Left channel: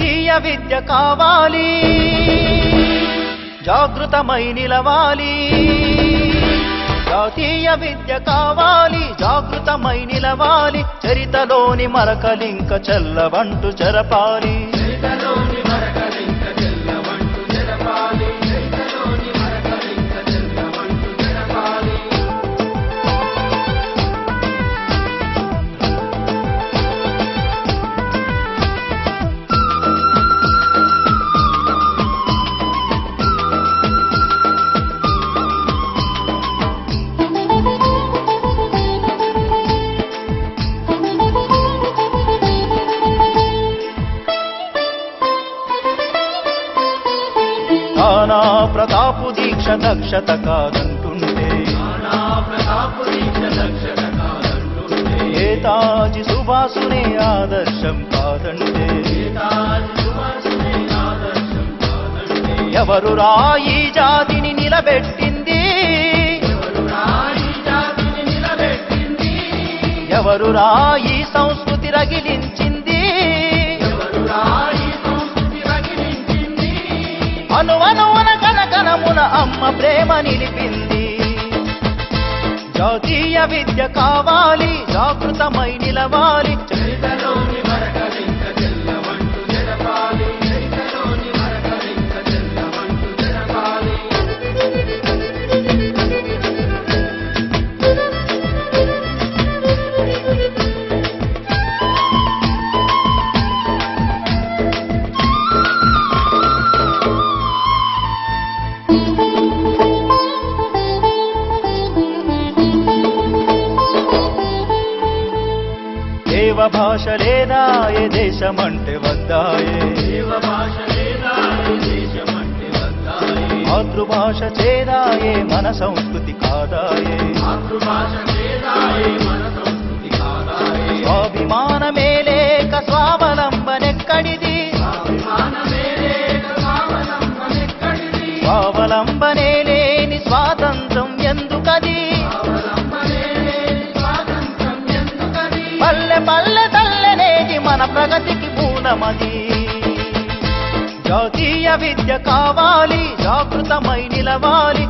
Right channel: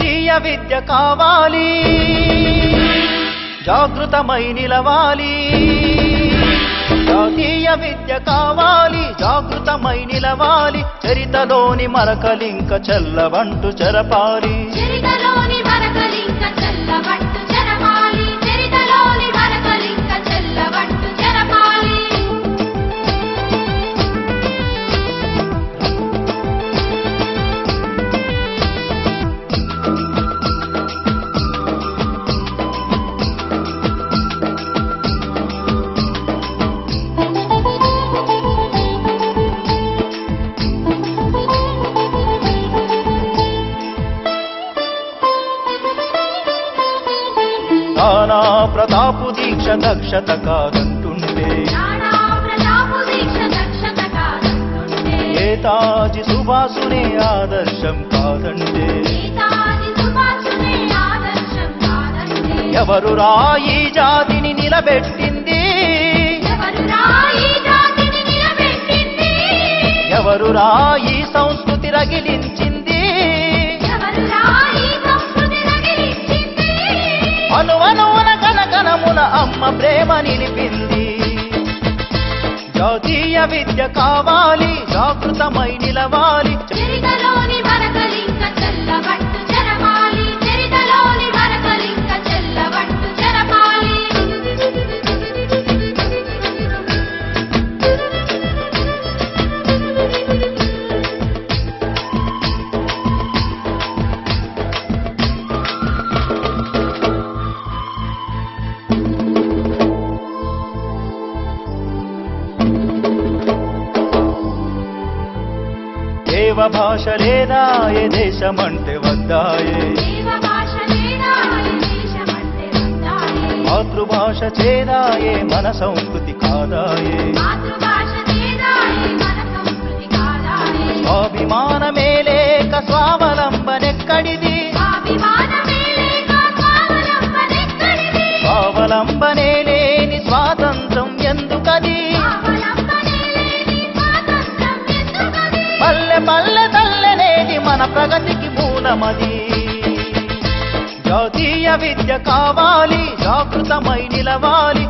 జాతీయ విద్య కావాలి, జాగృతమై నిలవాలి. జాతీయ విద్య కావాలి, జాగృతమై నిలవాలి. చరితలోని మరకలింక చెల్లవంటు చెరపాలి. నానా ప్రతాపు దీక్ష దక్షత కాదంటుంటే, నేతాజీ సుభాసునే ఆదర్శం కాదంటే, ఎవరురా ఈ జాతిని నిలబెట్టింది, ఎవరురా ఈ సంస్కృతి రగిలించింది, అనువనువున కనకనమున అమ్మ ప్రేమ నిలిపింది. జాతీయ విద్య కావాలి, జాగృతమై నిలవాలి. దేవ భాష లేదాయే దేశమంటే వద్దాయే, మాతృభాష చేదాయే మన సంస్కృతి కాదాయే. స్వాభిమానమే లేక స్వావలంబనెక్కడిది, స్వావలంబనే లేని స్వాతంత్రం ఎందుకది. పల్లె పల్లె తల్లనేటి మన ప్రగతికి మూలమది. జాతీయ విద్య కావాలి, జాగృతమై నిలవాలి.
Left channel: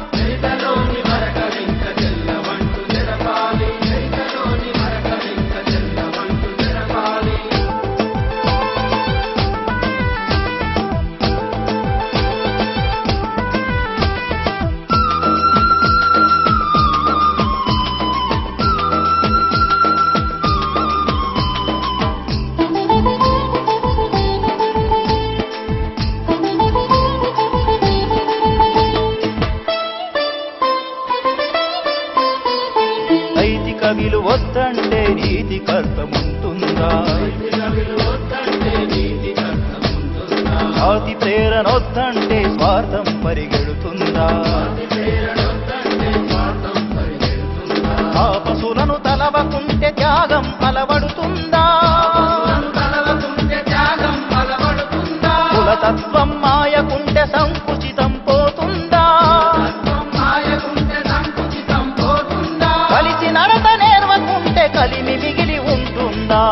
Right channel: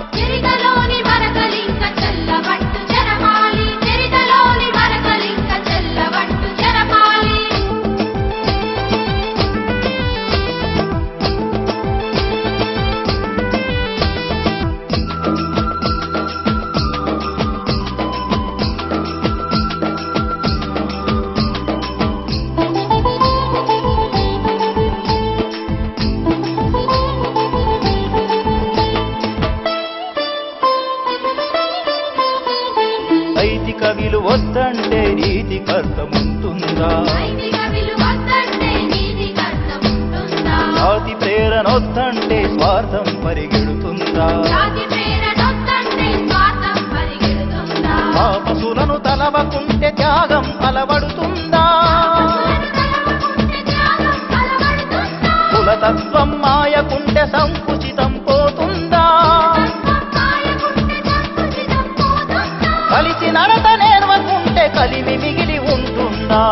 నైతిక విలువ వద్దంటే నీతికి అర్థముంటుందా, జాతి ప్రేరణ వద్దంటే స్వార్థం పరిగెడుతుందా. ఆపసులను తలవకుంటే త్యాగం అలవడుతుందా, కులతత్వం మాయకుంటే సంకుచితం పోతుందా. కలిసి నడత నేర్వకుంటే కలిమి మిగిలి ఉంటుందా.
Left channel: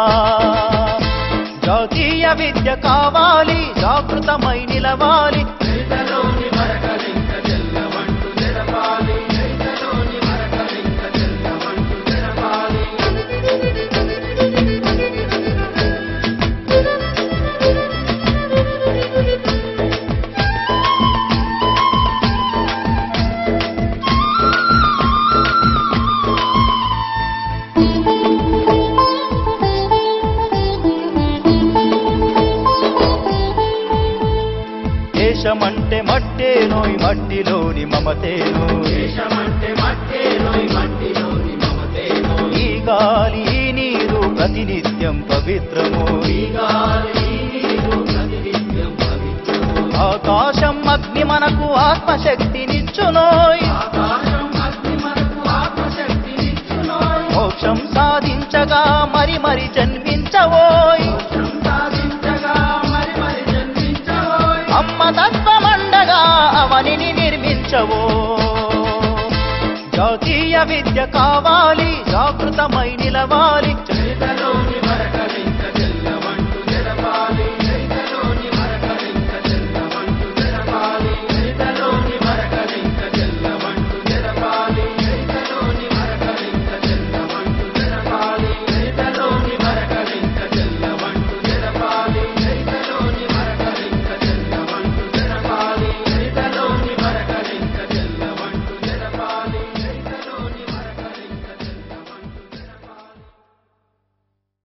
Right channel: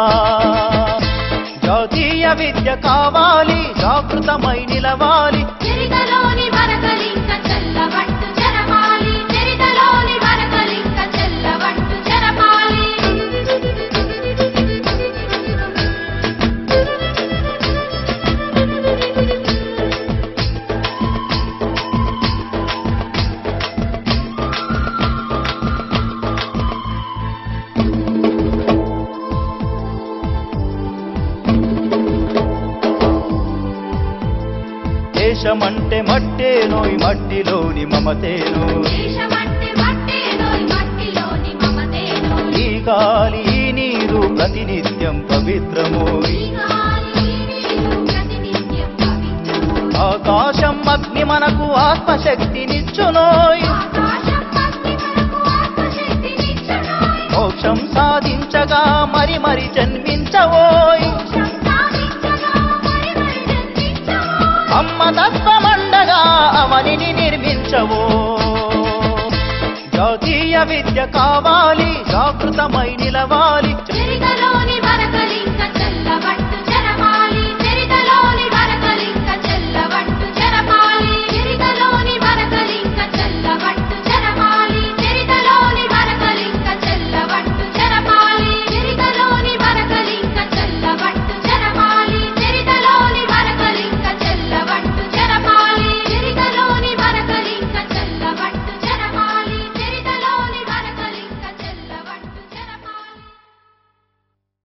జాతీయ విద్య కావాలి, జాగృతమై నిలవాలి. దేశమంటే మట్టేనోయ్ మట్టిలోని మమతేనోయ్, ఈ గాలి ఈ నీరు ప్రతినిత్యం పవిత్రమోయ్. ఆకాశం అగ్ని మనకు ఆత్మశక్తినిచ్చునోయ్, మోక్షం సాధించగా మరి మరి జన్మించవోయ్. అమ్మ తత్వమండగా అవనిని నిర్మించవో. జాతీయ విద్య కావాలి, జాగృతమై నిలవాలి.